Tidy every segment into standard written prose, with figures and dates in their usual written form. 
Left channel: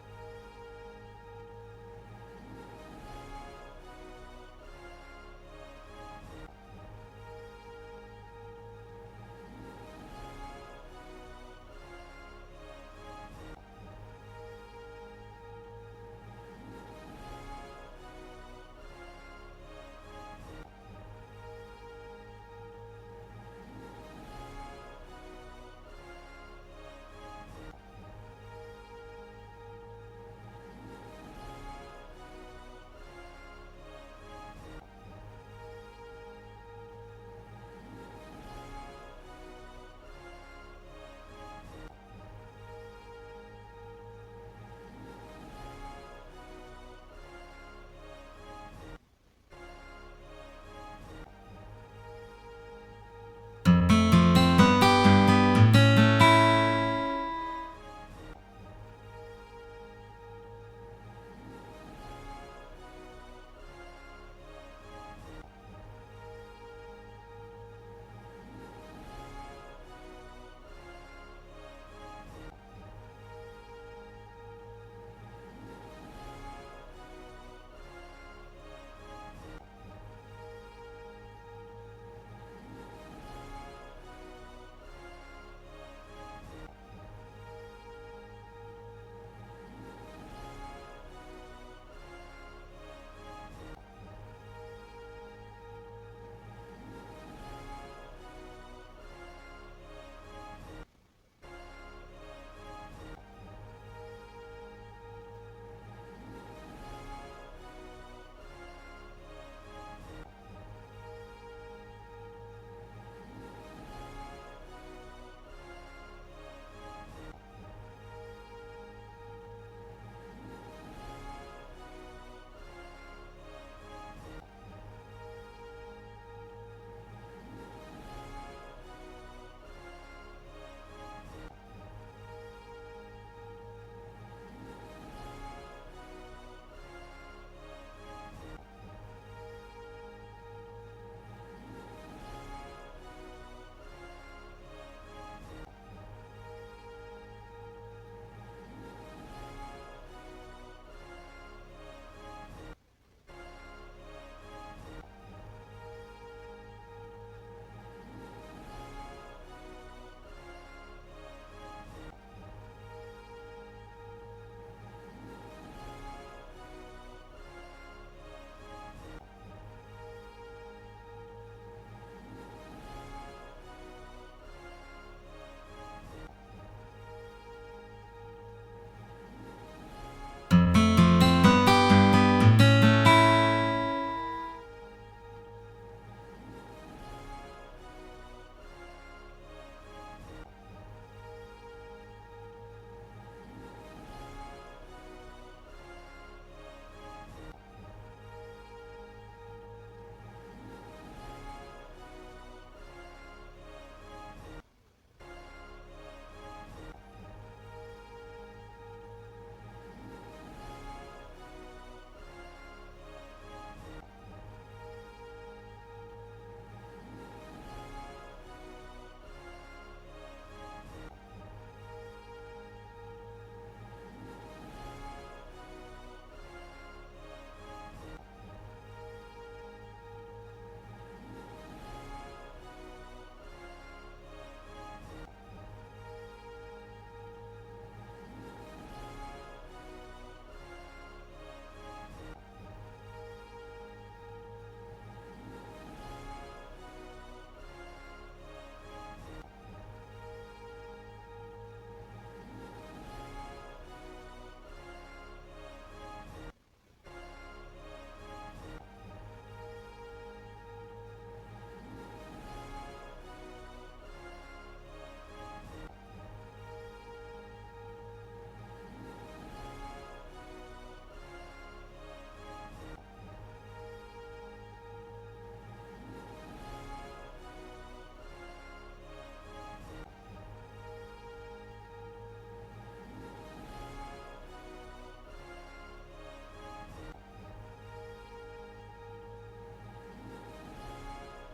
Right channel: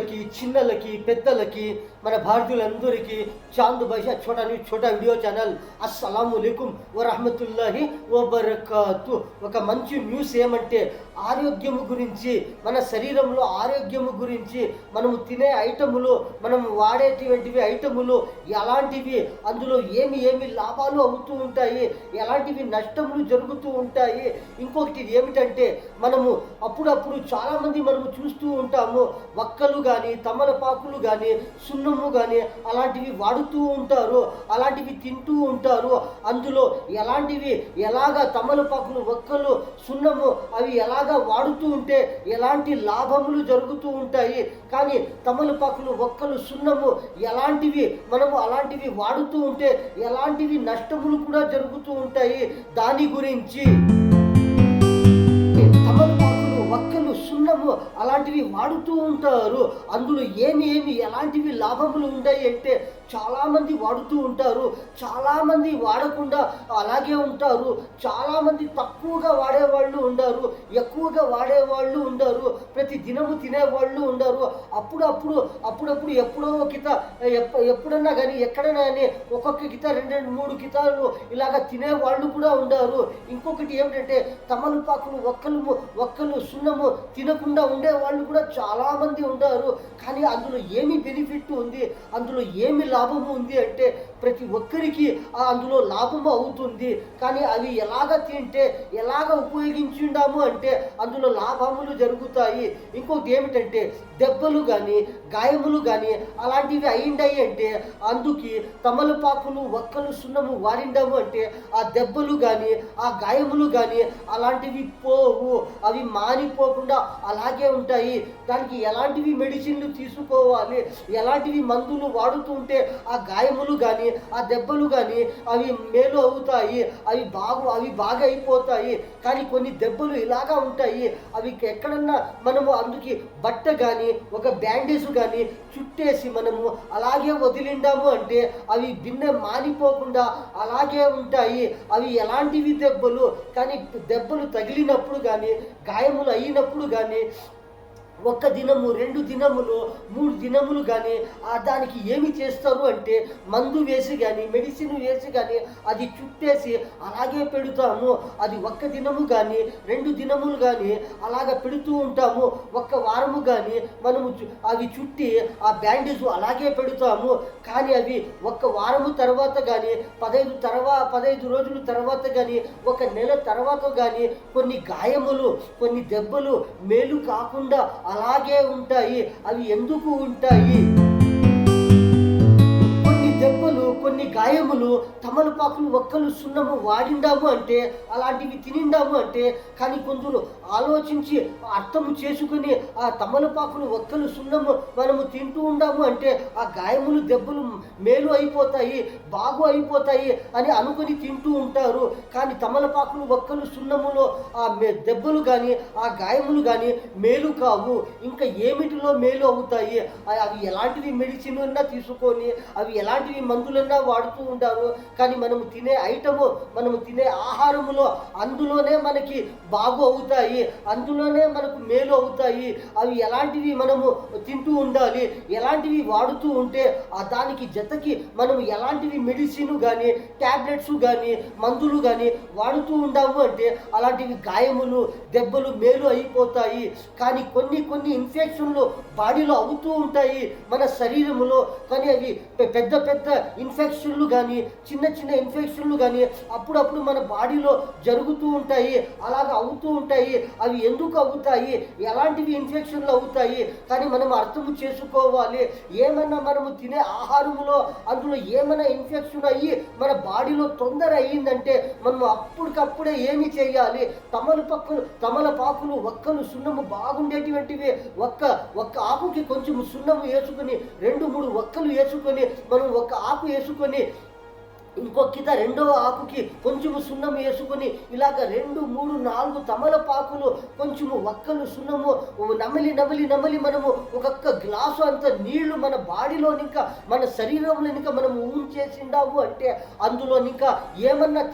యువకులకి, చిన్నలకి, పెద్దలకి, మన భారతీయులందరికీ చాంద్ భాషా ఛోటా వీడియో ఛానల్ అస్సలాముఅలైకుం వరహమతుల్లాహి వబరకాతు. ఒక మంచి న్యూస్ ఏమంటే ఆరోగ్యము గురించి, మన శరీరంలో ఆరోగ్యము గురించి, మనము తినే ఐటములు, మనం వాడేటువంటివి ఐటములు ఎలాంటివి, అందులో ఏమి లాభాలు అవుతూ ఉంటాయి, ఎలాంటివి నష్టములు జరుగుతూ ఉంటాయి. ఇంకొకటి ఏమిటంటే మనము అప్పుడప్పుడు చాలామంది మనము చూస్తూ ఉంటాము, వక్కలు కానీ, తమలపాకులు కానీ, సున్నము కానీ అలాంటివి వాడుతూ ఉంటారు, అలాంటివి తింటూ ఉంటారు. అందులో ఎలాగా తమలపాకులు, వక్కలు, సున్నము అవి ఎలాగా వాడుతూ ఉంటే ఎలాంటి లాభములు జరుగుతూ ఉంటాయి. కానీ తమలపాకులు, వక్కలు, సున్నము ఎలాంటివి మనము అలాంటివి వాడుతూ ఉంటే ఎలాంటివి నష్టములు కూడా జరుగుతూ ఉంటాయి. దాని గురించి వక్కలు, సున్నము అలాంటివి వాడుతూ ఉంటారు. అందులో ఎలాంటివి లాభములు ఉన్నాయి అంటే చాలామంది వాడుతూ ఉంటారు, చాలామంది వాడకుండా అలాగే ఉంటారు, చాలామంది తక్కువగా వాడేవాళ్ళు ఉండరు, ఎక్కువగా వాడేవాళ్ళు ఉండరు, ప్రతి దినము తినేవాళ్ళు ఉండరు. అప్పుడప్పుడు ఎప్పుడన్నా కానీ ఎక్కడైనా కానీ ఒక్కొక్క గిత 2-3 గితాలు ఇలాగ తినేవాళ్ళు కూడా ఉండరు. ఇంకొకటి ఏమిటంటే తమలపాకులు, వక్కలు, సున్నము తినకుండా ఉండేవాళ్ళు కూడా చాలామంది ఉంటారు. కానీ అందులో ఏమి బెనిఫిట్ ఉంది, అందులో ఏమి లాభము ఉంది అంటే ప్రతి ఒక్కరికి అందులో లాభము అవుతుంది. కానీ అవి ఎలాగ తింటే ఎలాగ ఉపయోగించుండాము అంటే అందులో లాభములు జరుగుతాయి. ఇంకొకటి ఏమిటంటే దెబ్బలు కానీ, గాయములు కానీ అలాంటివి అయిండాయి అంటే అందుకు తమలపాకులు, వక్కలు, సున్నము వాడిండాము అంటే ఆ దెబ్బలు కానీ, ఆ గాయములు కానీ అలాంటివి పోవు, అవి మానిపోకుండా అలాగే ఉంటాయి. దానికి ఎలాంటివి మెడిసిన్లు తీసుకోవాలి, ఎలాంటివి మందులు వాడుతూ ఉంటే ఆ గాయములు కానీ, ఆ దెబ్బలు కానీ అవి మేలు అవుతాయి, అవి బాగా అయిపోతాయి. కానీ కొన్ని దెబ్బలు ఇలాగా ఉంటాయి, అవి ఎక్కడన్నా మనము అందుకే బట్ట కానీ, ఒక బ్యాండేజ్ కానీ చుట్టేసి మనము అలాగే వదిలిండాము అంటే అవి బిన్నె మానిపోకుండా అలాగే ఉంటాయి. అవి ఎలాంటివి దెబ్బలు, కానీ దెబ్బలు తగిలినప్పుడు కానీ, గాయములు అయినప్పుడు కానీ 1 దినము, 2 దినములు, 3 దినములు కానీ దానికి ఏమి చేస్తారు అంటే మందు వేసి కానీ, మెడిసిన్ వేసి కానీ అది చుట్టేసి అలాగే పెడతాము. అది 1 దినము కానీ, 2 దినములు కానీ అలాగ పెడుతూ ఉంటాము. 1 వారము కానీ మనము అవి చుట్టి ఆ బ్యాండేజ్ అలాగే పెడతాము. కానీ అవి 1 వారము తర్వాత కానీ, 15 రోజుల తర్వాత కానీ, 1 నెల తర్వాత కానీ కొన్ని గాయములు, కొన్ని దెబ్బలు మేలు కాకుండా అలాగే ఉంటాయి. అవి ఎందుకు ఉంటాయి? కొన్ని దెబ్బలు, కొన్ని గాయములు తమలపాకులు, వక్కలు, సున్నము వాడిండాము అంటే, అలాంటివి తినిండాము అంటే, కానీ కొందరు ఆలోచించి అర్థం చేసుకుని ఆ తమలపాకులు, వక్కలు, సున్నము మనము తింటూ ఉండాము అంటే ఆ గాయములు, దెబ్బలు మేలు అయిపోతాయి, బాగు అయిపోతాయి అని అనుకుని తింటూ ఉంటారు. కానీ తమలపాకులు, వక్కలు, సున్నములో ఆ దెబ్బలు కానీ, ఆ గాయములు కానీ మేలు కావు. ఇంకా ఏమిటిలో మేలు అవుతాయి? అవి ఎలాంటివి మెడిసిన్ అన్నా తీసుకొని, అవి ఎలాంటివి మందులన్నా వాడుతూ ఉంటారు. కానీ మనము తినే ఐటము, మనము తినే ఆహారములో అందులోనే మనకి బాగు అవుతాయి, అందులోనే మనకు మేలు అవుతాయి. అవి ఎలాంటివి మనము తింటూ ఉండాలి, ఎలాంటివి వాడుతూ ఉంటే దానికి జతకి మనము ఎలాంటివి మెడిసిన్ కానీ, ట్యాబ్లెట్స్ కానీ, మందులు కానీ వాడుతూ ఉండాము అంటే అలాంటివి గాయములు, దెబ్బలు మేలు అయిపోతాయి. కానీ కొన్ని ఇన్ఫెక్షన్లు బాడీలో అవుతూ ఉంటాయి మన శరీరములో. కానీ అవి పెద్ద ఇన్ఫెక్షన్లు కానీ, చిన్న ఇన్ఫెక్షన్లు కానీ అప్పుడప్పుడు మన బాడీలో జరుగుతూ ఉంటాయి, అలాగ అవుతూ ఉంటాయి. అవి ఎందుకు అవుతాయి, ఎలాంటివి ఇన్ఫెక్షన్లు అవుతాయి? కానీ మనం అర్థం చేసుకోవాలి. ఏమైనా మనము తినే ఆహారములో అందులో ఏమైనా ఇన్ఫెక్షన్ అయ్యి మన బాడీలో తొందర అయ్యిందంటే మనం అప్పటికప్పుడే ఏమి చేయాలి? తమలపాకులు, వక్కలు, సున్నము బాగుండేటువంటివి ఒక్క ఆకుకి కొంచెం సున్నము వేసుకొని, 2-3 వక్కలు వేసుకొని, మనం 1 ఆకు వేసుకొని ఇంకొక్కిత రెండవ ఆకుకి కొంచెము సున్నం వేసుకొని ఇలాగ 2, 3, 4 తమలపాకులు కొంచెము వక్కలు సున్నము నమిలి నమిలి నమిలి మనము ఒక్కొక్క గ్లాసు అంత నీళ్లు మన బాడీలో ఇంకా మన శరీరంలో ఇంకా మనము ఉంచేసిండాము అంటే అందులో ఇంకా ఏమన్నా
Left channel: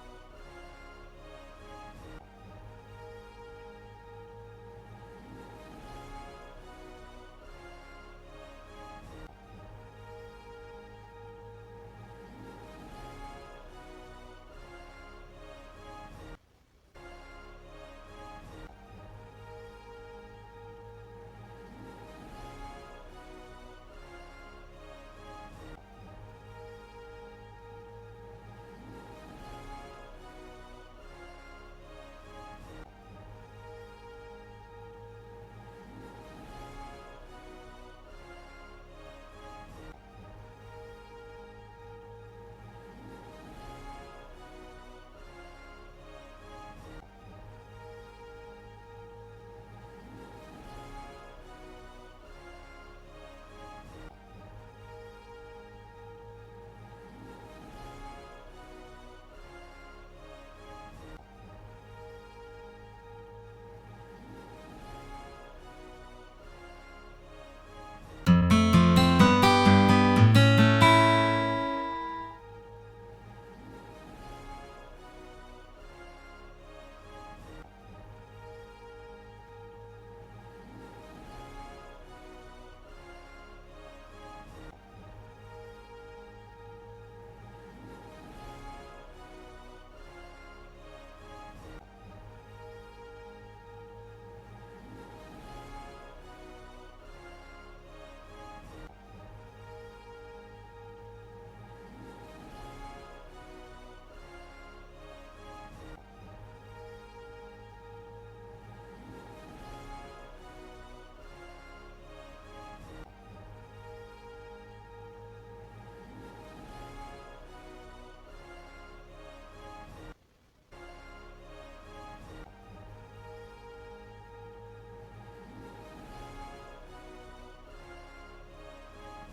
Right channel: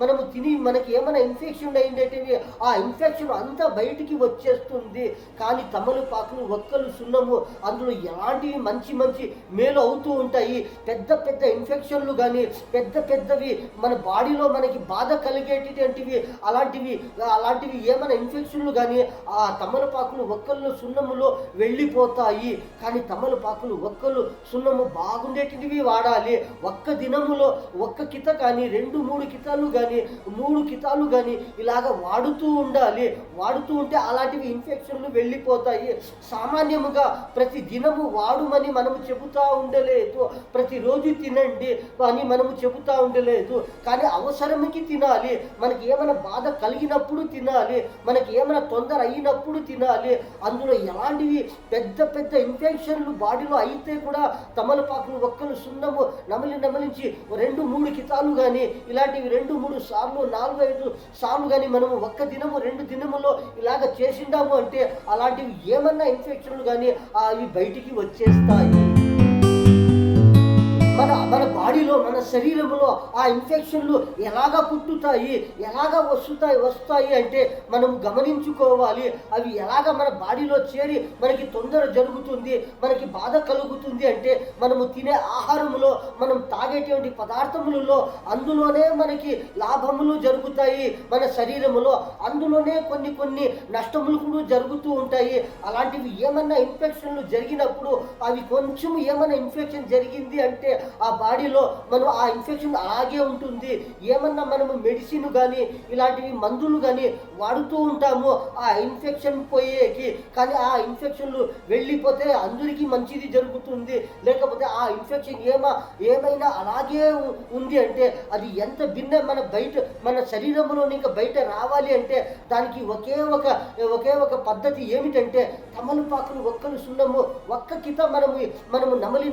మనము తిని మనకి ఏమన్నా ఇన్ఫెక్షన్ అయిందేటివి ఆ ఇన్ఫెక్షన్ అంతా బయటికి వచ్చేస్తుంది. కానీ తమలపాకులు వక్కలు సున్నము అందులో ఎలాంటివి మంచి మంచి మేలు అవుతూ ఉంటాయి. పెద్ద పెద్ద ఇన్ఫెక్షన్లు కానీ పెద్ద పెద్దవి మన బాడీలో మనకి బాధ కలిగేటటువంటివి అలాంటివి ఏమైనా ఇన్ఫెక్షన్లు కానీ ఆ తమలపాకులు ఒక్కళ్ళు సున్నములో వెళ్ళిపోతాయి. కానీ తమలపాకులు ఒక్కలు సున్నము బాగుండేటివి వాడాలి. ఒక్క దినములో ఒక్క కిత కానీ 2, 3 కితాలు కానీ 3 కితాలు కానీ ఇలాగ వాడుతూ ఉండాలి. వాడుతూ ఉంటే అలాంటివి ఇన్ఫెక్షన్లు వెళ్ళిపోతాయి. సామాన్యముగా ప్రతి దినము వాడుమని మనము చెబుతూ ఉండలేదు, ప్రతిరోజు తినండి అని మనము చెబుతూ ఉండలేదు. కానీ అవసరంకి తినాలి. మనకి ఏమైనా బాధ కలిగినప్పుడు తినాలి, మనకి ఏమైనా తొందర అయినప్పుడు తినాలి. అందులో ఎలాంటివి పెద్ద పెద్ద ఇన్ఫెక్షన్లు బాడీలో అయితే కూడా తమలపాకులు ఒక్కలు సున్నము నమిలించి 2, 3 కితాలు కానీ ఇలాంటివి 2, 3 సార్లు 4, 5 సార్లు కానీ మనము ఒక్క దినము 2 దినములో ఇలాగ చేసిండాము అంటే అలాంటివి ఏమన్నా ఇన్ఫెక్షన్లు కానీ అవి బయటికి వచ్చేస్తాయి. మన బాడీలో మన శరీరంలో ఆ ఇన్ఫెక్షన్లు ఎలాగ పుట్టుతాయి, ఎలాగ వస్తాయి అంటే మనం గమనించుకోవాలి. అవి ఎలాగ మన బాడీలో చేరి మనకి తొందర జరుగుతుంది, మనకి బాధ కలుగుతుంది అంటే మనము తినే ఆహారములో మనం తాగేటువంటి పదార్థములలో అందులోనే మనకి లాభములు జరుగుతాయి. మన శరీరములో అందులోనే కొన్ని నష్టములు కూడా జరుగుతూ ఉంటాయి. అలాంటివి ఏమన్నా ఇన్ఫెక్షన్లు జరిగినప్పుడు అవి కొంచెం ఏమైనా ఇన్ఫెక్షన్ జరిగింది అంటే ఆ బాడీలో మనం ఆ ఇన్ఫెక్షన్ అలాగే ఉంటుంది. ఏమన్నా మనము మెడిసిన్ కానీ ఇలాంటివి మందులు కానీ వాడుతూ ఉంటాము ఆ ఇన్ఫెక్షన్ పోయేకి. కానీ ఆ ఇన్ఫెక్షన్లు వెళ్ళిపోతే అందరికీ మంచిది జరుగుతుంది. లేకపోతే ఆ ఇన్ఫెక్షన్ ఏమైనా అలాగే ఉంది అంటే అది ఎంత భిన్న మన శరీరంలో ఇంకా బయట రావాలి అంటే దానికి ఒకే ఒక పద్ధతి ఏమిటంటే తమలపాకులు ఒక్కలు సున్నము ఒక్క కిత మనము నమలి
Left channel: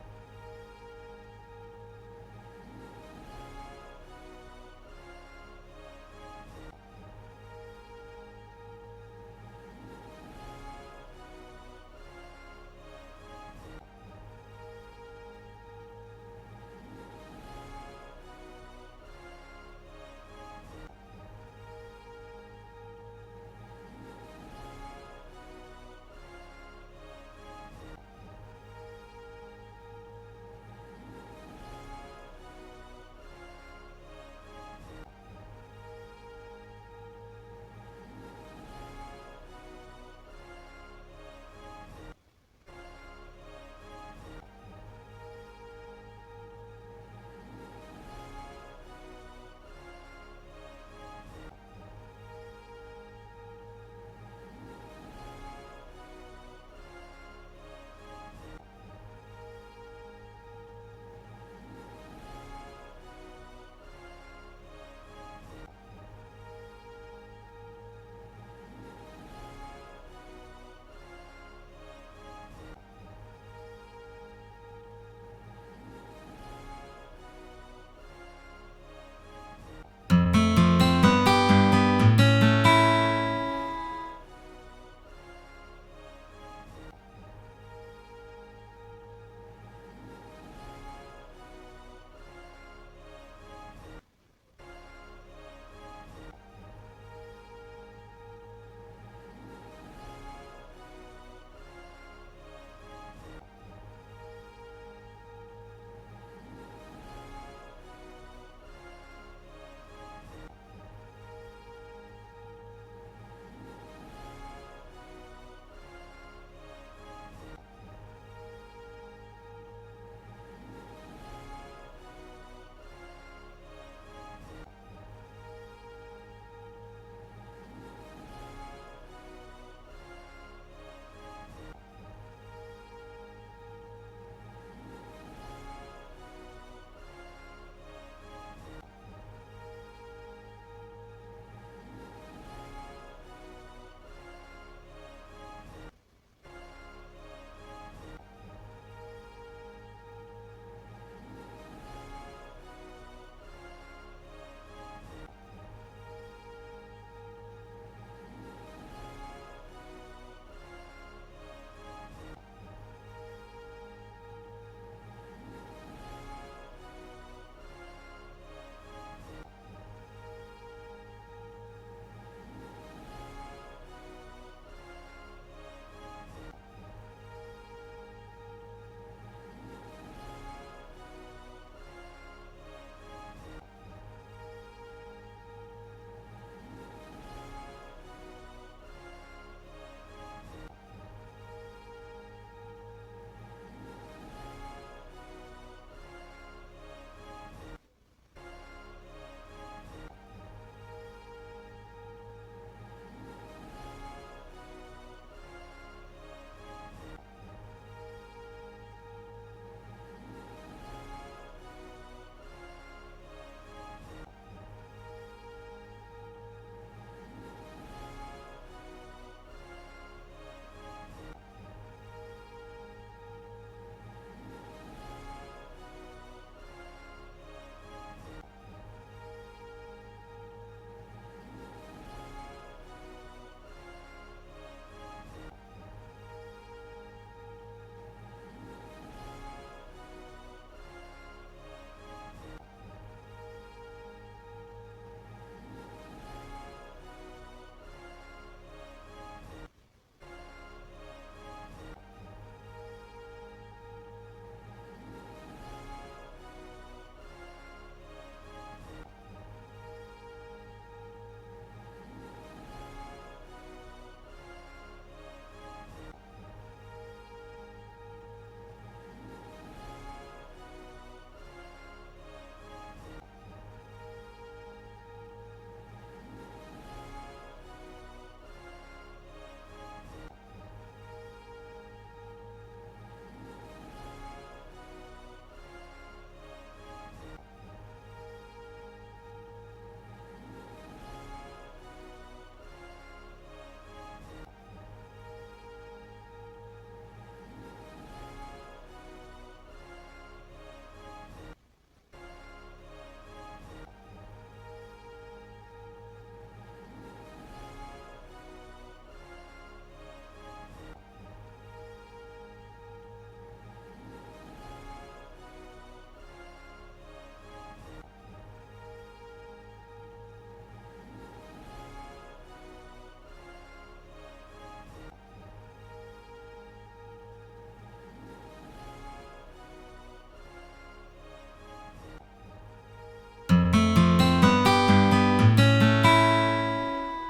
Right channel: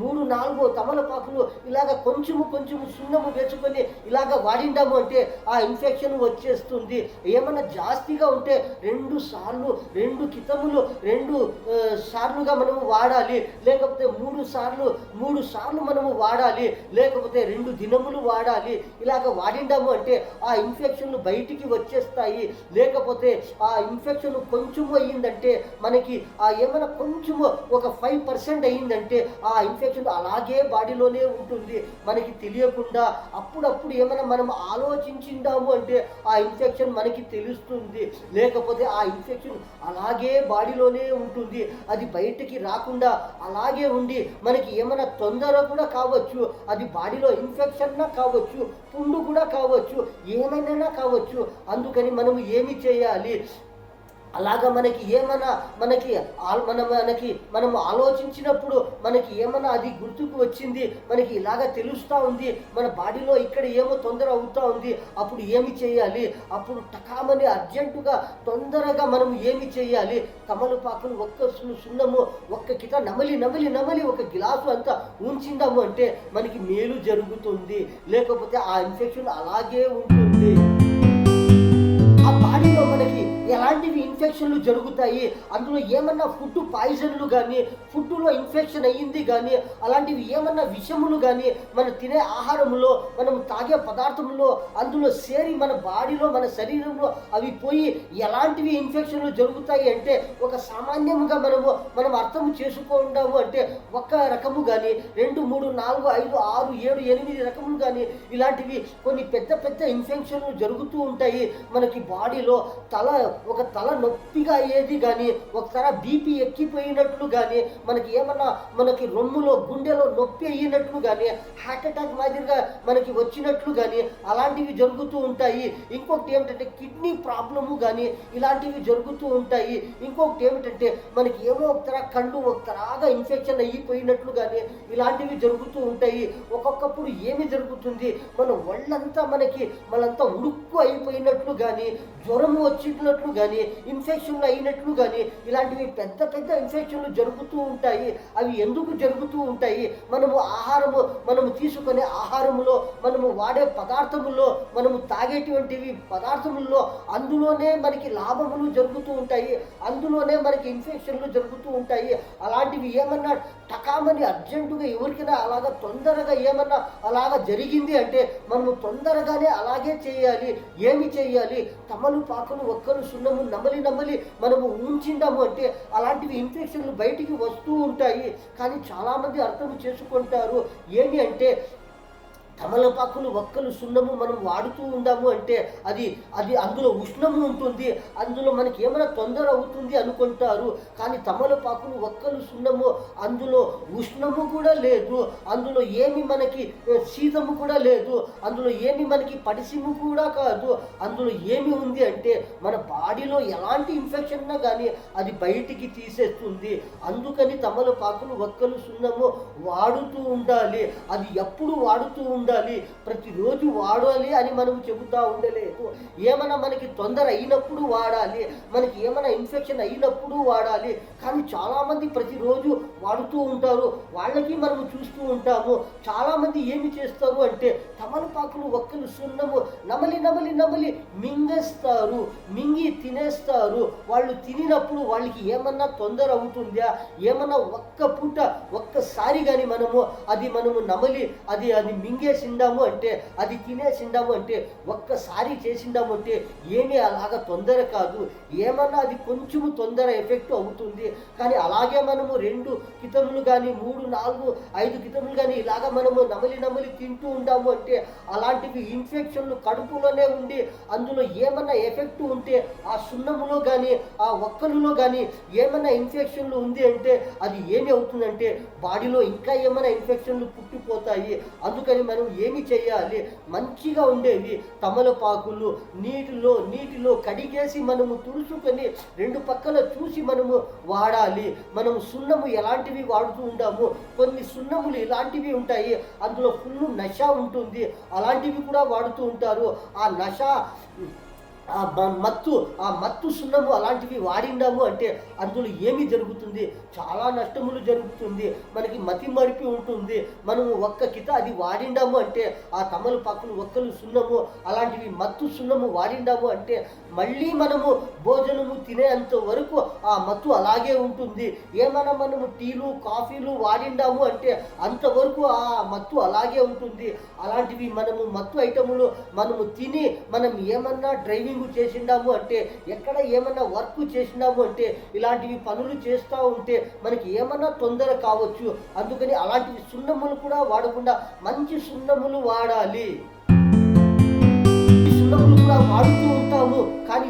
3, 4 తమలపాకులు ఇలాగ కొంచెము సున్నము వేసుకొని ఇలాగ వాడిండాము అంటే ఆ ఇన్ఫెక్షన్ వచ్చేస్తుంది. ఏమన్నా జాస్తిగా ఉంటే 2 సార్లు 2 కితములు 2 సార్లుగా మనము వాడాలి. లేకపోతే 3 సార్లు మనము వాడాలి. లేకపోతే 2 దినములు వాడాలి. ఇలాగ వాడిండాము అంటే ఆ ఇన్ఫెక్షన్లు బయటికి వచ్చేస్తాయి. లేకపోతే ఆ ఇన్ఫెక్షన్ కొంచెము అయ్యిందంటే మనకి ఏమైనా కొంచెము ఒక 5% అయ్యిందంటే ఆ ఇన్ఫెక్షన్ అలాగే బాడీలోనే ఉంటుంది మనకి తెలియకుండా. అప్పుడప్పుడు ఏమైనా మనం ఆలోచించిండాము అంటే ఆ ఇన్ఫెక్షన్ మనకి తెలుస్తుంది. లేకపోతే ఆ ఇన్ఫెక్షన్ అలాగే బాడీలోనే ఉంటుంది, అది బయటికి రాకుండా అలాగే ఉండి మనకి ఏమైనా తొందర కూడా కావచ్చు. అది బాడీలో ఇన్ఫెక్షన్ కావచ్చు, పుండు కూడా కావచ్చు, ఏమైనా కావచ్చు. అందుకని మనము ఏమి చేయాలి? అలాగా మనకి ఏమైనా మనం ఆలోచించినప్పుడు మనకి ఏమైనా అది గుర్తుకు వచ్చింది, మనకి ఇలాగ తెలుస్తూ ఉంది, మన బాడీలో ఇక్కడ ఏమో తొందర అవుతూ ఉంది, అప్పుడు ఏమి చేయాలి? అప్పుడు టకామని అర్జెంటుగా తొందరగా మనం ఏమి చేయాలి? తమలపాకులు ఒక్క సున్నము ఒక్క కిత నమలి ఒక గ్లాసు అంతా ఉంచిందాము అంటే మనకి మేలు జరుగుతుంది. లేకపోతే ఆ ఇన్ఫెక్షన్ అలాగే ఉంటుంది. ఆ బాడీలో మనకి ఎలాంటివి ఇన్ఫెక్షన్లు జరుగుతాయి? అందులో ఏమన్నా ఫుడ్ పాయిజన్లు కానీ ఫుడ్లో ఇన్ఫెక్షన్ అయ్యింది కానీ అలాంటివి ఏమన్నా విషములు కానీ మనం తినే ఆహారంలో మనం తాగే పదార్థంలో అందులో సేరి మన బాడీలో మన శరీరంలో అవి పోయి ఎలాంటివి ఇన్ఫెక్షన్లు జరుగుతాయి అంటే ఒక సామాన్యంగా మనం అర్థం చేసుకుంటాము అంటే ఒక రకము కానీ 2, 3, 4, 5, 6, 7, 8 రకములు కానీ ఇలాంటివి కొన్ని పెద్ద ఇన్ఫెక్షన్లు జరుగుతూ ఉంటాయి. మనకి బాడీలో తల నొప్పిగా అయ్యేది కానీ ఒకసారి బీపీ ఎక్కిపోయినట్లు కానీ మనకి రొమ్ములో గుండెలో నొప్పి అయినట్లు కానీ హార్ట్ అటాక్ మాదిరిగా మనకి వచ్చినట్లు కానీ అలాంటివి జరుగుతూ ఉంటాయి. ఇంకొకటి ఏమిటంటే కిడ్నీ ప్రాబ్లము కానీ ఇలాంటివి జరుగుతూ ఉంటాయి. ఇంకొకటి ఏమిటంటే మనకి ఏమో కళ్ళు ఒకలాగా ఇన్ఫెక్షన్ అయిపోయినట్లు కానీ ఇలాంటివి జరుగుతూ ఉంటాయి. ఒక్కొక్కప్పుడు ఏమి జరుగుతుంది, మన ఒళ్ళంతా మనంతా ఉడుక్కు అయిపోయినట్లు కానీ జ్వరము వచ్చినట్లు అయినట్లు కానీ, ఇన్ఫెక్షన్లు అయినట్లు కానీ, ఇలాంటివి పెద్ద పెద్ద ఇన్ఫెక్షన్లు జరుగుతూ ఉంటాయి. అవి ఎందుకు జరుగుతూ ఉంటాయి? మనము తీసుకునే ఆహారములో, మనము వాడే పదార్థముల్లో, మనము తాగేటువంటివి పదార్థముల్లో అందులోనే మనకి లాభములు జరుగుతూ ఉంటాయి. అందులోనే మనకి ఇన్ఫెక్షన్లు జరుగుతూ ఉంటాయి. అలాంటివి ఏమన్నా టకామని అర్జెంటుగా ఎవరికైనా అలాగా తొందరగా ఏమన్నా అలాగా జరిగింది అంటే మనము తొందరగానే అలాగే చేయాలి. ఏమి చేయాలి? తమలపాకులు, ఒక్కలు, సున్నము నమలి మనము ఉంచిందాము అంటే అలాంటివి ఇన్ఫెక్షన్లు బయటికి వస్తూ ఉంటాయి. కానీ చాలామంది అర్థం చేసుకుంటారు. ఏమి అంటే తమలపాకులు, ఒక్కలు, సున్నము మనం వాడుతూ ఉందాము అంటే అది అది అందులో ఉష్ణము ఉంటుంది, అందులో మనకి ఏమైనా తొందర అవుతుంది అనుకుంటారు. కానీ తమలపాకులు, ఒక్కలు, సున్నము అందులో ఉష్ణము కూడా లేదు, అందులో ఏమి మనకి శీతము కూడా లేదు, అందులో ఏమి మనకి పడిసిము కూడా కాదు. అందులో ఏమి ఉంది అంటే మన బాడీలో ఎలాంటి ఇన్ఫెక్షన్ ఉన్నా కానీ అది బయటికి తీసేస్తుంది. అందుకని తమలపాకులు, ఒక్కలు, సున్నము వాడుతూ ఉండాలి. అది ఎప్పుడు వాడుతూ ఉండాలి? ప్రతిరోజు వాడాలి అని మనం చెబుతూ ఉండలేదు. ఏమైనా మనకి తొందర అయినప్పుడు వాడాలి, మనకి ఏమైనా ఇన్ఫెక్షన్ అయినప్పుడు వాడాలి. కానీ చాలామంది ప్రతిరోజు వాడుతూ ఉంటారు. వాళ్ళకి మనం చూస్తూ ఉంటాము. చాలామంది ఏమి చేస్తారు అంటే తమలపాకులు, ఒక్కలు, సున్నము నమలి మింగేస్తారు, మింగి తినేస్తారు. వాళ్ళు తినినప్పుడు వాళ్ళకి ఏమన్నా తొందర అవుతుందా? ఏమన్నా ఒక్క పూట ఒక్కసారి కానీ మనము నమలి అది మింగేసిండాము అంటే, అది తినేసిండాము అంటే, ఒక్కసారి చేసిండాము అంటే ఏమీ అలాగా తొందర కాదు. ఏమన్నా అది కొంచెము తొందర ఎఫెక్ట్ అవుతుంది. కానీ అలాగే మనము 2 కితములు కానీ 3, 4, 5 కితములు కానీ ఇలాగా మనము నమలి తింటూ ఉండాము అంటే అలాంటివి ఇన్ఫెక్షన్లు కడుపులోనే ఉండి అందులో ఏమన్నా ఎఫెక్ట్ ఉంటే ఆ సున్నములో కానీ ఆ ఒక్కలులో కానీ ఏమన్నా ఇన్ఫెక్షన్లు ఉంది అంటే అది ఏమి అవుతుందంటే బాడీలో ఇంకా ఏమైనా ఇన్ఫెక్షన్లు పుట్టిపోతాయి. అందుకని మనం ఏమి చేయాలి? మంచిగా ఉండేవి తమలపాకులు నీటిలో కడిగేసి మనము తుడుచుకొని 2 పక్కల చూసి మనము వాడాలి. మనము సున్నము ఎలాంటివి వాడుతూ ఉంటాము? కొన్ని సున్నములు ఇలాంటివి ఉంటాయి, అందులో ఫుల్ నష ఉంటుంది, అలాంటివి కూడా వాడుతూ ఉంటారు. ఆ నష ఆ మత్తు సున్నము అలాంటివి వాడిండాము అంటే అందులో ఏమి జరుగుతుంది? చాలా నష్టములు జరుగుతుంది. మనకి మతి మరిపి ఉంటుంది. మనము ఒక్క కిత అది వాడిండాము అంటే ఆ తమలపాకులు, ఒక్కలు, సున్నము అలాంటివి మత్తు సున్నము వాడిండాము అంటే మళ్ళీ మనము భోజనము తినేంత వరకు ఆ మత్తు అలాగే ఉంటుంది. ఏమైనా మనము టీలు, కాఫీలు వాడిండాము అంటే అంతవరకు ఆ మత్తు అలాగే ఉంటుంది. అలాంటివి మనము మత్తు ఐటములు మనము తిని మనం ఏమన్నా డ్రైవింగ్ చేసిండాము అంటే, ఎక్కడ ఏమన్నా వర్క్ చేసినాము అంటే, ఇలాంటివి పనులు చేస్తూ ఉంటే మనకి ఏమన్నా తొందర కావచ్చు. అందుకని అలాంటివి సున్నములు కూడా వాడకుండా మంచి సున్నములు వాడాలి. వాడుతూ ఉంటాము. కానీ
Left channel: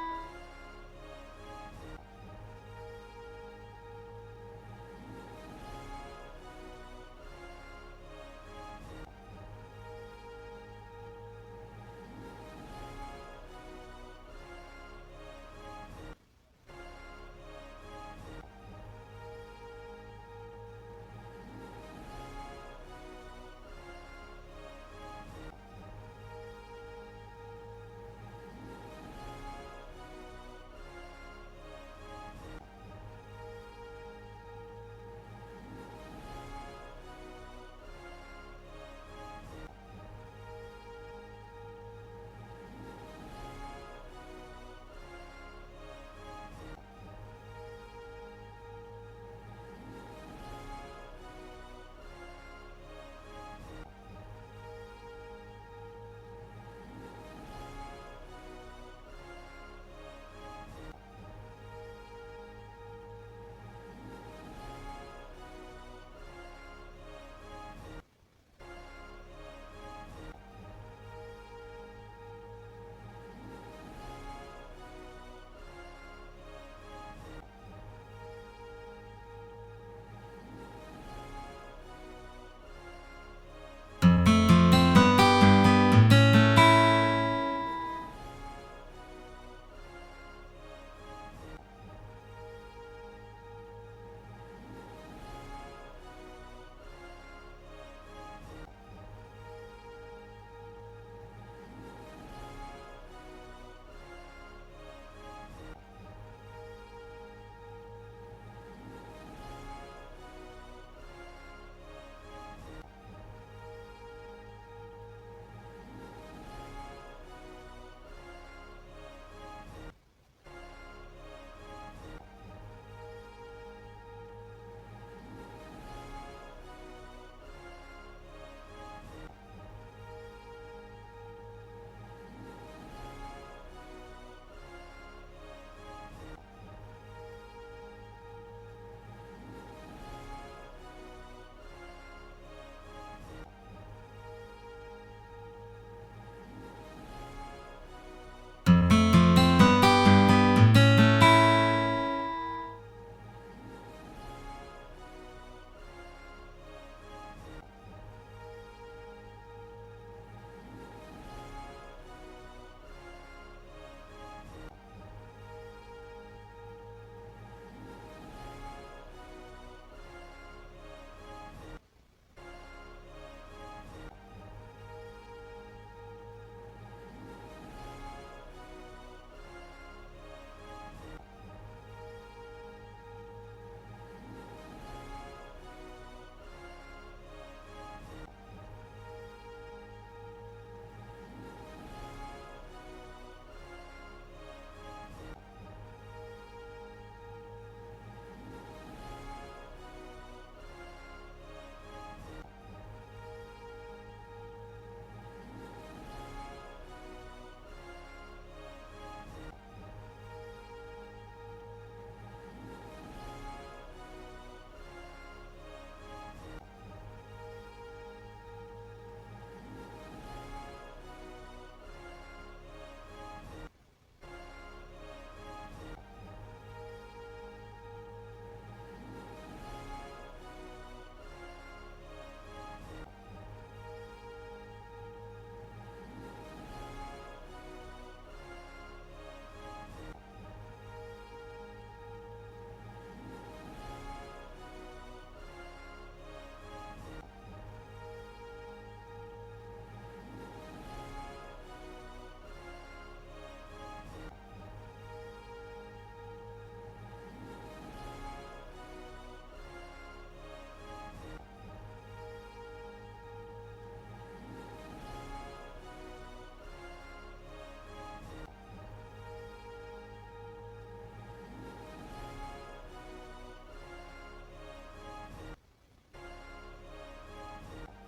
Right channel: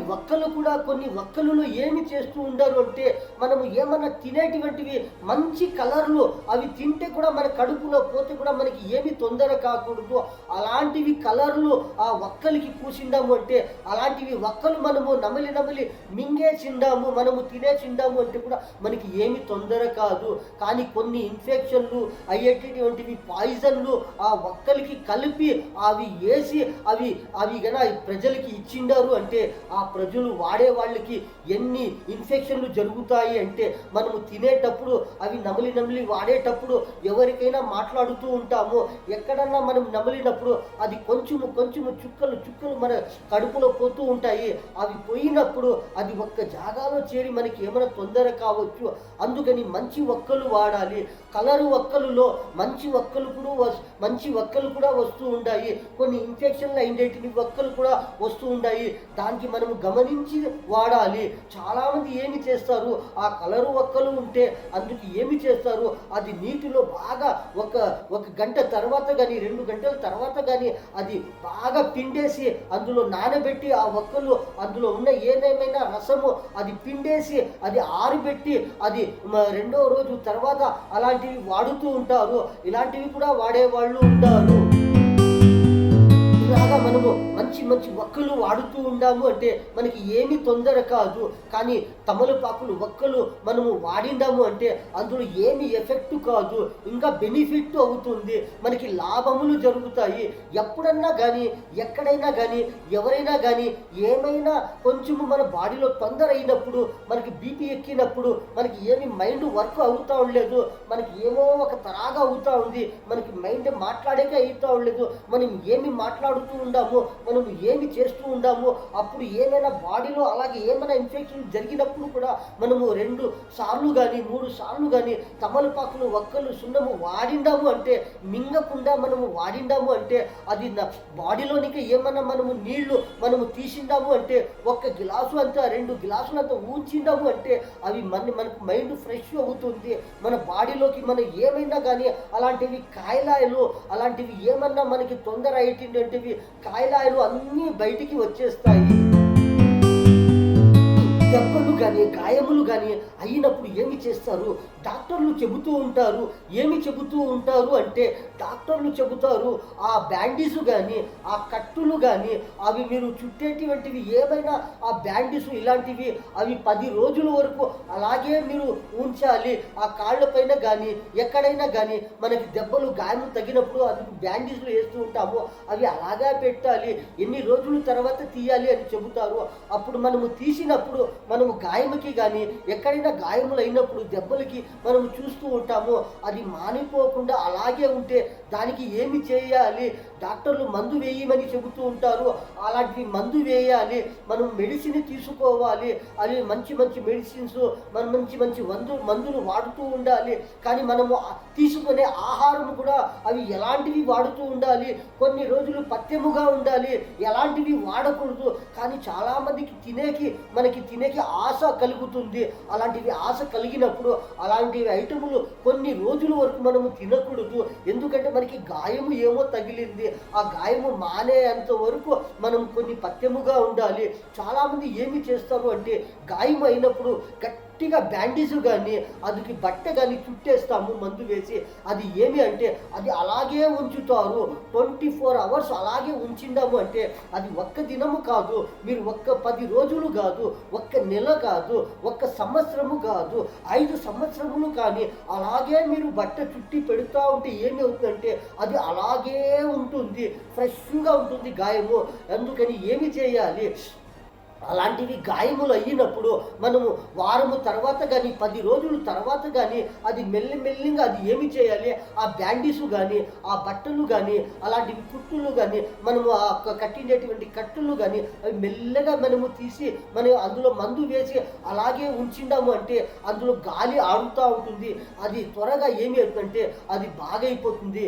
కొన్ని ఒక్కలలో ఏమి చేస్తూ ఉండరు అంటే మనము ఏమన్నా తినేటువంటివి మంచి కలర్లు అవి తింటే కూడా మన కడుపులో పోతే కూడా మనకి ఏమి తొందర కాకూడదు. అలాంటివి కలర్లు ఆ ఒక్కలికి పూసిండాము అంటే అలాంటివి ఒక్కలు మనము నమలి మింగేసిండాము, మనము తినేసిండాము అంటే కూడా మనకి ఏమి తొందర కాదు. కానీ కొన్ని ఇన్ఫెక్షన్లు అయ్యేటటువంటివి పాయిజన్లు ఆ ఒక్కలికి కలిపి అవి వేసి అవి గన ప్రజలకి ఇచ్చిండారు అంటే ఆ ప్రజలు వాడే వాళ్ళకి ఎన్ని ఇన్ఫెక్షన్లు జరుగుతాయి అంటే మనము తినేటప్పుడు అవి నమిలి వాడేటప్పుడు ఎవరికైనా మాట్లాడుతూ ఉంటాము. ఎక్కడన్నా మనం నమిలినప్పుడు అది కొంచెము చుక్కలు మన కడుపులో పోతూ ఉంటాయి. అవి పోయినప్పుడు అది ఒక్క జాగాలో చేరి మనకి ఏమైనా తొందర కావచ్చు. అందుకని మంచి ఒక్కలు వాడాలి. కలరు ఒక్కలులో మంచి ఒక్కలు కూడా వస్తూ ఉంటాయి. కొన్ని ఇన్ఫెక్షన్లు అయినటువంటి ఒక్కలు కూడా వస్తూ ఉంటాయి. దానికి మనము గమనించి వాడాలి. చాలామంది ఏమి చేస్తారు, ఆ కలరు ఒక్కలు ఉంటే అందుకు ఏమి చేస్తారు, అది నీటిలో బాగా ఒక గంట తర్వాత కానీ 2 గంటల తర్వాత కానీ అది బాగా పిండేసి అందులో నానబెట్టి ఆ ఒక్కలు అందులో ఉన్న ఏదేమైనా రసము అది పిండేసి అది ఆరిబెట్టి అది 2వ రోజు తర్వాత అలాంటివి వాడుతూ ఉంటారు. ఇలాంటివి కూడా వాడేవాళ్ళు ఉంటారు. ఇలాగా మనము మంచి మంచి వక్కలు వాడుతూ ఉండాము అంటే మనకి ఏమి తొందర కాదు. కానీ తమలపాకులు వక్కలు మనము వాడిండాము అంటే అందులో ఏమి ఎఫెక్ట్ కాదు, ఇంకా బెనిఫిట్ అవుతుంది, మనకి లాభములు జరుగుతాయి. ఎప్పుడన్నా కానీ ఎక్కడైనా కానీ ఎవరైనా కానీ ఏమైనా కొంచెము మన బాడీలో తొందర అయినప్పుడు, మనకి బీపీ ఎక్కినప్పుడు, మనకి ఏమి మైండ్ వర్క్ అవుతా ఉండలేదు, మనకి ఏమో ఒక తరాగా అవుతా ఉంది, మనకి మైండ్ మాట్లాడేకే అవుతా ఉండలేదు, మనం ఏమి మాట్లాడుతూ ఉండాము, మనం ఏమి చేస్తూ ఉండాము, అప్పుడు ఏమైనా బాడీలో అలాగే ఏమైనా ఇన్ఫెక్షన్ జరిగినప్పుడు కూడా మనము 2 సార్లు కానీ 3 సార్లు కానీ తమలపాకులు వక్కలు సున్నము వాడిండాము అంటే, మింగకుండా మనము వాడిండాము అంటే, అది బాడీలోనికి ఏమన్నా మనము నీళ్లు మనము తీసిండాము అంటే, 1 గ్లాసు అంతా 2 గ్లాసులు అంతా ఊంచిండాము అంటే అవి మనకు మైండ్ ఫ్రెష్ అవుతుంది. మన బాడీలోకి మనం ఏమైనా కానీ అలాంటివి కాయలాయలు అలాంటివి ఏమన్నా మనకి తొందర అయ్యేటివి కాయలాయలు అన్నీ బయటికి వచ్చేస్తాయి. దెబ్బలు కానీ గాయములు కానీ అయినప్పుడు ఏమి చేస్తారు, డాక్టర్లు చెబుతూ ఉంటారు. ఏమి చెబుతూ ఉంటారు అంటే డాక్టర్లు చెబుతారు ఆ బ్యాండేజ్ కానీ ఆ కట్టులు కానీ అవి మీరు చుట్టేటువంటివి ఏమైనా ఆ బ్యాండేజ్ ఇలాంటివి అవి 10 రోజుల వరకు అలాగే మీరు ఉంచాలి. ఆ కాళ్ళపైన కానీ ఎక్కడైనా కానీ మనకి దెబ్బలు గాయం తగినప్పుడు అవి బ్యాండేజ్లు వేస్తూ ఉంటాము, అవి అలాగా పెట్టాలి, ఎన్ని రోజుల తర్వాత తీయాలి అని చెబుతారు. అప్పుడు మనము తీసినప్పుడు మనము గాయముకి కానీ ఎక్కడైనా గాయములు అయినప్పుడు దెబ్బలకి మనం చూస్తూ ఉంటాము, అది మానిపోకుండా అలాగే ఉంటే దానికి ఏమి చేయాలి, డాక్టర్లు మందు వేయమని చెబుతూ ఉంటారు. అలాంటి మందు వేయాలి, మనం మెడిసిన్ తీసుకోవాలి, అది మంచి మంచి మెడిసిన్స్ మనం మంచి మంచి మందులు వాడుతూ ఉండాలి. కానీ మనము తీసుకునే ఆహారం కూడా అవి ఎలాంటివి వాడుతూ ఉండాలి, కొన్ని రోజులు పథ్యముగా ఉండాలి, ఎలాంటివి వాడకూడదు. కానీ చాలామందికి మనకి తినేకి ఆశ కలుగుతుంది. అలాంటివి ఆశ కలిగినప్పుడు అలాంటి ఐటములు కొన్ని రోజుల వరకు మనము తినకూడదు. ఎందుకంటే మనకి గాయము ఏమో తగిలింది, ఆ గాయము మానేంత వరకు మనం కొన్ని పథ్యముగా ఉండాలి. చాలామంది ఏమి చేస్తారు అంటే గాయం అయినప్పుడు గట్టిగా బ్యాండేజ్ కానీ అదికి బట్ట కానీ చుట్టేస్తాము మందు వేసి, అది ఏమి అంటే అది అలాగే ఉంచుతారు. 24 అవర్స్ అలాగే ఉంచిందాము అంటే అది ఒక్క దినము కాదు, మీరు 10 రోజులు కాదు, 1 నెల కాదు, 1 సంవత్సరము కాదు, 5 సంవత్సరములు కానీ అలాగే మీరు బట్ట చుట్టి పెడుతూ ఉంటే ఏమి అవుతుందంటే అది అలాగే ఉంటుంది, ఫ్రెష్గా ఉంటుంది గాయము. అందుకని ఏమి చేయాలి, అలాంటివి గాయములు అయినప్పుడు మనము వారము తర్వాత కానీ 10 రోజుల తర్వాత కానీ అది మెల్లిగా అది ఏమి చేయాలి, ఆ బ్యాండేజ్ కానీ ఆ బట్టలు కానీ అలాంటివి కుట్టులు కానీ మనము ఆ కట్టినటువంటి కట్టులు కానీ అవి మెల్లగా మనము తీసి మనం అందులో మందు వేసి అలాగే ఉంచిండాము అంటే అందులో గాలి ఆడుతూ ఉంటుంది, అది త్వరగా ఏమి అవుతుందంటే అది బాగైపోతుంది,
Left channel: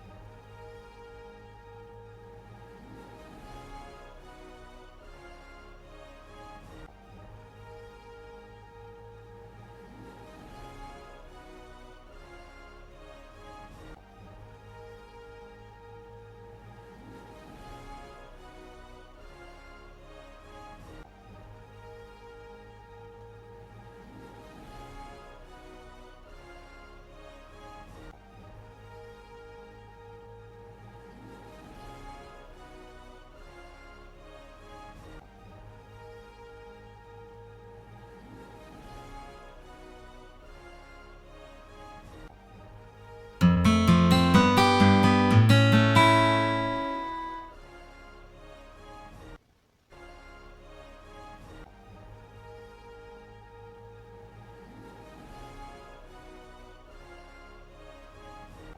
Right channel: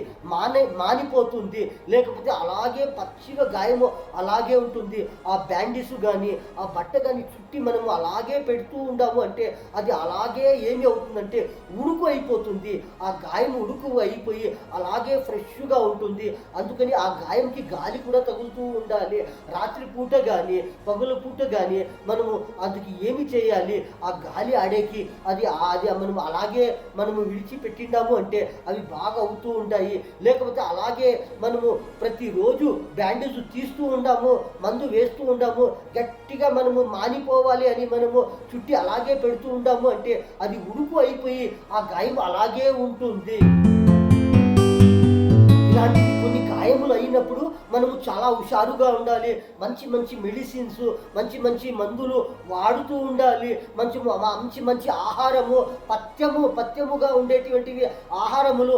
మానిపోతుంది. లేకపోతే అలాగే పచ్చిగా గాయము అలాగే ఉంటుంది. ఆ బ్యాండేజ్ కానీ ఆ బట్ట కానీ చుట్టి మనము అలాగే పెడుతూ ఉండాము అంటే అది అలాగే ఏమి అవుతుందంటే ఉడుకు అయిపోతుంది. ఆ గాయం ఉడుకు అయిపోయి అలాగే ఫ్రెష్గా ఉంటుంది. అందుకని ఆ గాయంకి గాలి కూడా తగులుతూ ఉండాలి. రాత్రి పూట కానీ పగలు పూట కానీ మనము అందుకు ఏమి చేయాలి, ఆ గాలి ఆడేకి అది మనం అలాగే మనము విడిచిపెట్టిండాము అంటే అవి బాగా అవుతూ ఉంటాయి. లేకపోతే అలాగే మనము ప్రతిరోజు బ్యాండేజ్ తీస్తూ ఉండాము, మందు వేస్తూ ఉండాము, గట్టిగా మనము మానిపోవాలి అని మనము చుట్టి అలాగే పెడుతూ ఉంటాము అంటే అది ఉడుకు అయిపోయి ఆ గాయం అలాగే ఉంటుంది. ఇలాంటి కొన్ని గాయములు అయినప్పుడు మనము చాలా హుషారుగా ఉండాలి. మంచి మంచి మెడిసిన్స్ మంచి మందులు వాడుతూ ఉండాలి. మంచి ఆహారము పథ్యముగా ఉండేటువంటివి ఆహారములు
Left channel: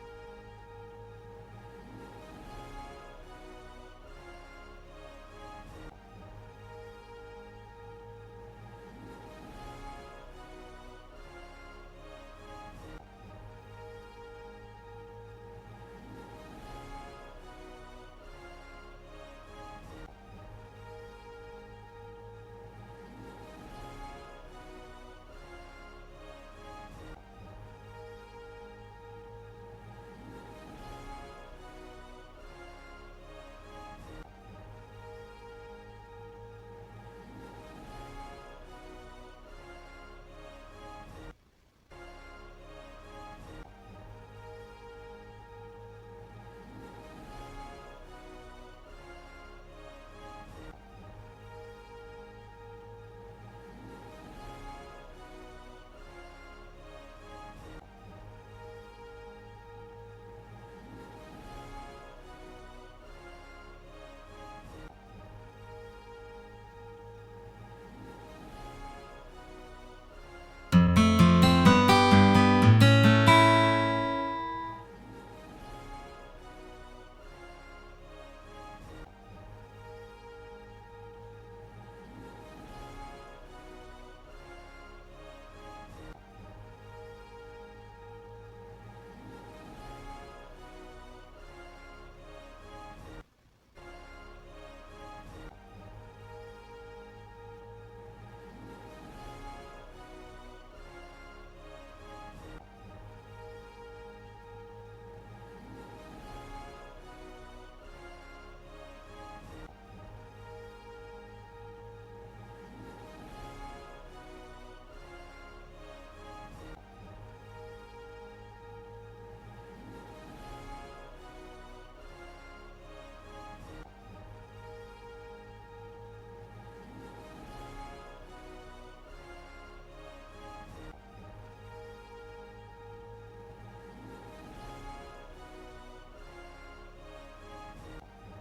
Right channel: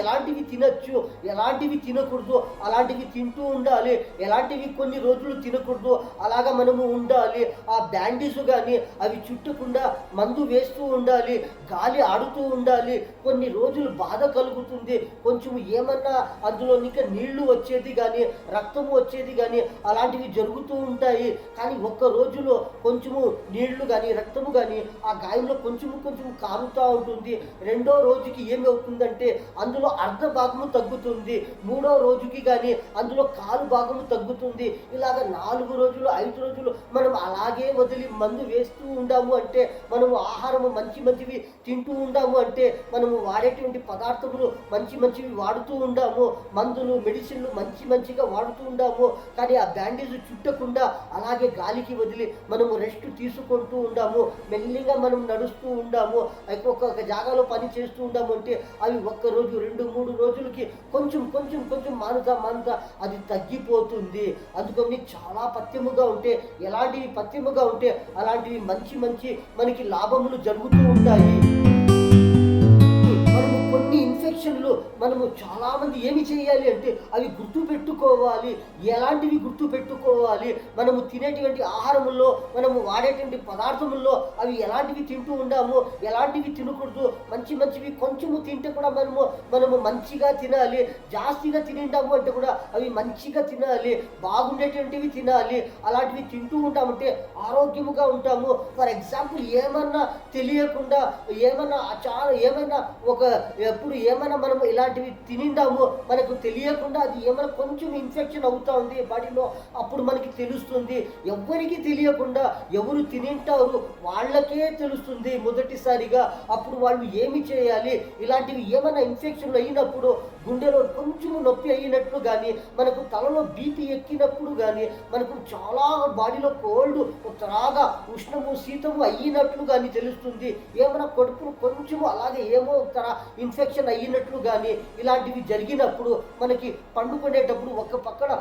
ఎలాంటివి తినచ్చు ఎలాంటివి తినకూడదు అలాంటివి తింటూ ఉండాలి. ఎలాంటివి కొన్ని రోజులు తినకూడదు అలాగా మనము ఉండాలి. ఆ బ్యాండేజ్ కానీ అవి చుట్టకుండా మందు వేస్తూ ఉండాలి, గాలి ఆడుతూ ఉండాలి. కొన్ని రోజులు బాధ కలుగుతుంది, కొంచెం ఏమన్నా అందులో ఇంకా నీళ్లు వచ్చేది కానీ రక్తము వచ్చేది కానీ అలాంటివి జరుగుతూ ఉంటాయి. కానీ ఒక్క రోజులో కొంచెము నీళ్లు కానీ రక్తము కానీ ఆ గాయంలో కొంచెం కారుతూ ఉంటుంది. రెండో రోజుకి ఏమి అవుతుందంటే అందులో అర్ధ భాగము తగ్గుతుంది. మూడో రోజుకి కానీ అందులో కాలు భాగము తగ్గుతుంది. ఇలాగ 4 రోజులు 5 రోజులు మనం అలాగే వదిలి మందు వేస్తూ ఉండాము అంటే మనము ఆహారము మంచివి తింటూ ఉండాము అంటే మనము వాడేటువంటి పదార్థములు మంచివి వాడుతూ ఉండాము, మందులు మెడిసిన్లు మంచిగా వాడుతూ ఉండాము. కానీ ఆ బ్యాండేజ్ చుట్టకుండా అలాగే గాలికి వదిలి మనము రెస్ట్ తీసుకుంటూ ఉండాము. మెల్లిగా మనం నడుస్తూ ఉండాము. ఒక్కొక్క జాగాలో పని చేస్తూ ఉండాము అంటే అవి ఒక్క రోజు 2-3 రోజులకి కొంచెం మానుతా అది తగ్గిపోతుంది. అందుకని చాలా పథ్యముగా ఉంటే అలాంటివి మంచి మనకి లాభములు జరుగుతూ ఉంటాయి. కొన్ని ఇన్ఫెక్షన్లు మనము చాలామంది ఏమి చేయాలి అంటే అవి గుర్తుపెట్టుకోవాలి. ఎలాంటివి గుర్తుపెట్టుకోవాలి? మనము తినేటువంటి ఆహారముల్లో, మనము వాడేటువంటి పదార్థముల్లో అవి ఎలాంటివి తింటూ ఉండాము, ఎలాంటివి తినకూడదు. మంచివి కొంచెము తింటే కూడా మనము మంచిగా తినాలి. జాస్తిగా తినిండాము అంటే కూడా అవి మంచిగా తినాలి, బాగుండేటువంటివి తినాలి. అలాంటివి తింటూ ఉంటామంటే ఆరోగ్యముగా ఉంటాము. ఫర్ ఎగ్జాంపుల్ ఏమన్నా తెలియకుండా ఏమైనా మనం ఇలాంటివి తినిండాము, మనకు తెలియకుండా అది ఏమైనా కొంచెం ఇన్ఫెక్షన్ అవుతా ఉంది బాడీలో, అప్పుడు మనకి తెలుస్తుంది. ఎవరికి తెలియకుండా ఎవరు తినింటారు వాళ్ళకే తెలుస్తుంది మొదటిసారిగా. అప్పుడు వాళ్ళు ఏమి చేయాలి? ఇలాంటివి ఏమైనా ఇన్ఫెక్షన్లు అయినప్పుడు, గుండెలో కొంచెం నొప్పి అయినట్లు కానీ, మనకు తలలో బీపీ ఎక్కినప్పుడు కానీ, మనకు చాలా బాడీలో కోల్డ్ త్రాగా ఉష్ణము శీతము అయినట్లు కానీ తెలుస్తుంది. ఏమైనా కడుపులు కొంచెము అలాగే ఏమో ఇన్ఫెక్షన్ అయినట్లు కానీ ఇలాంటివి జరిగినప్పుడు మనకి పండుకునేటప్పుడు ఒక పక్కన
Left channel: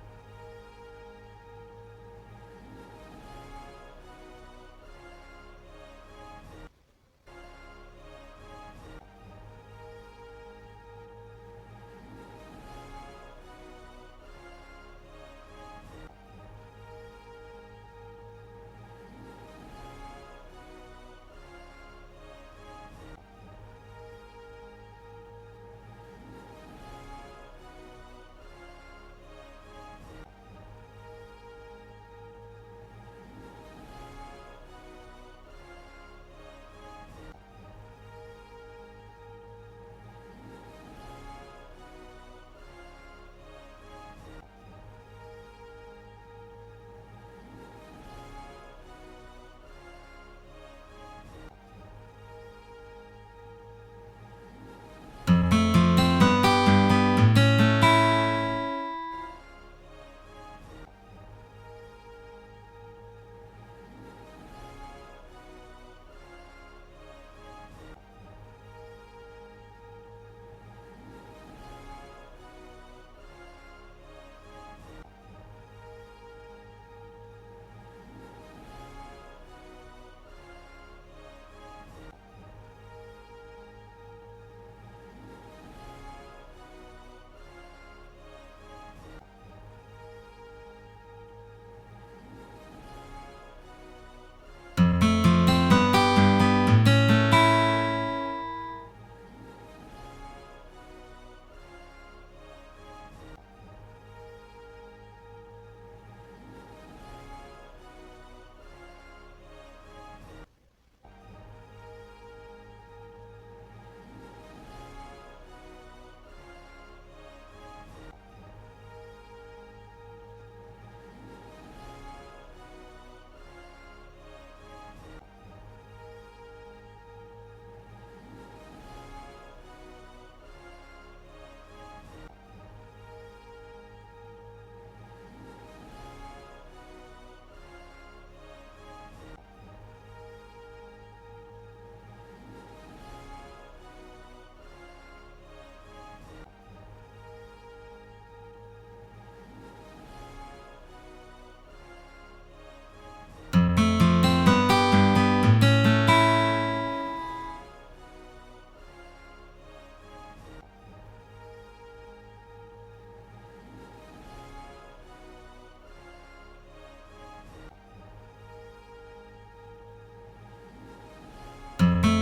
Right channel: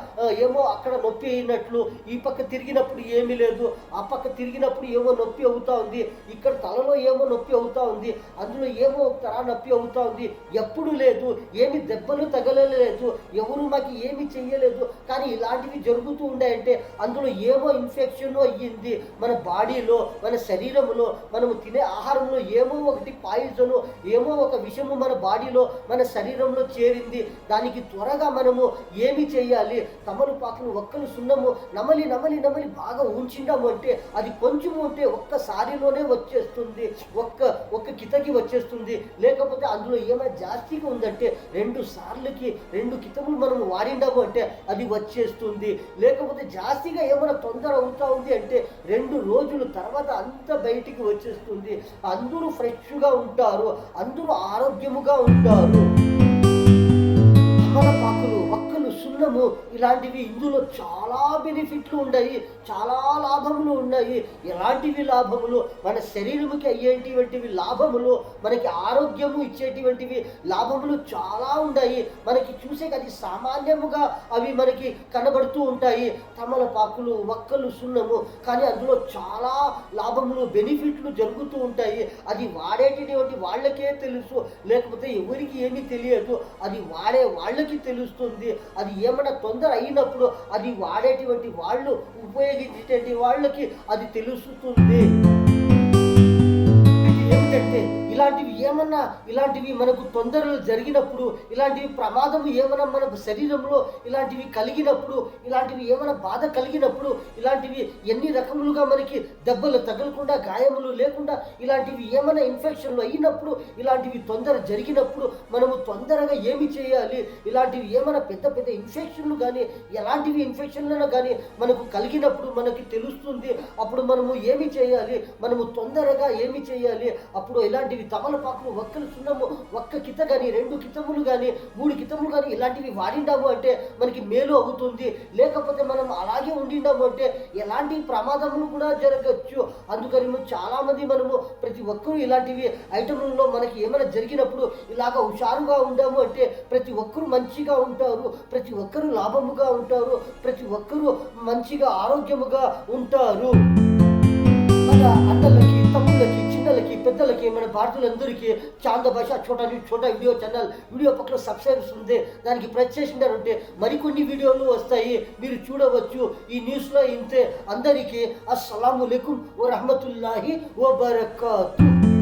ఏమో అక్కడ నొప్పి అయినట్లు, ఈ పక్క తిరిగినప్పుడు ఏమీ లేదు, ఆ పక్క తిరిగినప్పుడు ఏమో నొప్పి అవుతా ఉంది, ఇక్కడ తలలో ఏమో నొప్పి అవుతా ఉంది, అందులో ఏమో నొప్పి అవుతా ఉంది, ఎప్పుడు లేదు, ఏమి దెబ్బలు తగలలేదు, ఎవరు మాకు ఏమి చెయ్యలేదు, కానీ ఇలాంటివి జరుగుతూ ఉన్నాయంటే అందులో ఏమో ఇన్ఫెక్షన్ అయ్యింది. మన బాడీలో, మన శరీరంలో, మనము తినే ఆహారంలో ఏమో ఒకటి పాయిజను, ఏమో ఒక విషము మన బాడీలో, మన శరీరంలో చేరింది. దానికి త్వరగా మనము ఏమి చేయాలి? తమలపాకులు ఒక్కలు సున్నము నమలి బాగా ఉంచిండాము అంటే అది కొంచెం ఉంటే ఒక్కసారిలోనే వచ్చేస్తుంది, ఒక్క కితకి వచ్చేస్తుంది. లేకపోతే అందులో ఏమైనా జాస్తిగా ఉందంటే 2 కితములు మనం వాడిండాము అంటే అది వచ్చేస్తుంది. లేకపోతే జాస్తిగా ఏమైనా తొందర అవుతా ఉంది అంటే 2 రోజుల తర్వాత అంత బయటికి వచ్చేస్తుంది. అందరూ ఫ్రెష్గా ఉంటారు, అందరూ ఆరోగ్యముగా ఉంటారు. తమలపాకులు ఒక్కలు సున్నము ఇలాంటివి ఇందులో చాలా బెనిఫిట్లు ఉన్నాయి, చాలా లాభములు ఉన్నాయి. ఎలాంటివి లాభములు? మన శరీరముకి అయ్యేటువంటివి లాభములు, మనకి ఆరోగ్యము ఇచ్చేటువంటివి లాభములు చాలా ఉన్నాయి. మనకి చూసే అది సామాన్యముగా అవి మనకి కనబడుతూ ఉంటాయి. తమలపాకులు ఒక్కలు సున్నము, కానీ అందులో చాలా లాభములు బెనిఫిట్లు జరుగుతూ ఉంటాయి. అది వాడేటటువంటి వాళ్ళకే తెలుసు, లేకపోతే ఎవరికి ఏమీ తెలియదు. అది వాడే వాళ్ళకి తెలుస్తుంది. అది ఏమైనా తొందర అయినప్పుడు అది వాడేటువంటి వాళ్ళు, ఉపయోగించేటువంటి వాళ్ళకి అది తెలుస్తుంది. ఇలాంటివి మనకు తొందరలు జరిగినప్పుడు, ఇలాంటివి ప్రమాదము ఏమైనా మన శరీరంలో ఇలాంటివి కలిగినప్పుడు, ఇలాంటివి ఏమైనా బాధ కలిగినప్పుడు, ఇలాంటివి ఎన్ని రకములుగా మనకి దెబ్బలు తగలకుండా, గాయములు లేకుండా, ఇలాంటివి ఏమైనా ఇన్ఫెక్షన్లు అయినప్పుడు, ఇలాంటివి తొందర జరిగినప్పుడు మనము తొందరగా ఏమి చేయాలి? ఇలాంటివి ఏమైనా పెద్ద ఇన్ఫెక్షన్లు కానీ, ఎలాంటివి ఇన్ఫెక్షన్లను కానీ మనకు కలిగినప్పుడు మనకి తెలుస్తుంది. అప్పుడు మనము ఏమి చేయాలి? మనము తొందరగా ఏమి చేయాలి? అప్పుడు ఇలాంటివి తమలపాకులు ఒక్కలు సున్నము, ఒక్క కిత కానీ, 2 కితములు కానీ, 3 కితములు కానీ ఇలాంటివి వాడిండాము అంటే మనకి మేలు అవుతుంది. లేకపోతే మనం అలాగే ఉండిండాము అంటే ఎలాంటి ప్రమాదములు కూడా జరగచ్చు. అందుకని చాలా మంది మనము ప్రతి ఒక్కరూ ఇలాంటివి ఐటములలో మనకి ఏమైనా జరిగినప్పుడు ఇలాగ హుషారుగా ఉండాము అంటే ప్రతి ఒక్కరూ మంచిగా ఉంటారు, ప్రతి ఒక్కరూ లాభముగా ఉంటారు, ప్రతి ఒక్కరూ మంచిగా ఆరోగ్యముగా ఉంటారు. పెద్దలకి, మన భారతీయులందరికీ చాంద భాష చోటా వీడియో ఛానల్ వీడియో పక్కన సబ్స్క్రైబ్స్ ఉంది, దానికి ప్రెస్ చేసిండారంటే మరికొన్ని వీడియోలు వస్తాయి, మీరు చూడవచ్చు. ఈ న్యూస్లో ఇంతే. అందరికీ అస్సలాము అలైకుం వరహ్మతుల్లాహి వబరకాతుహ్.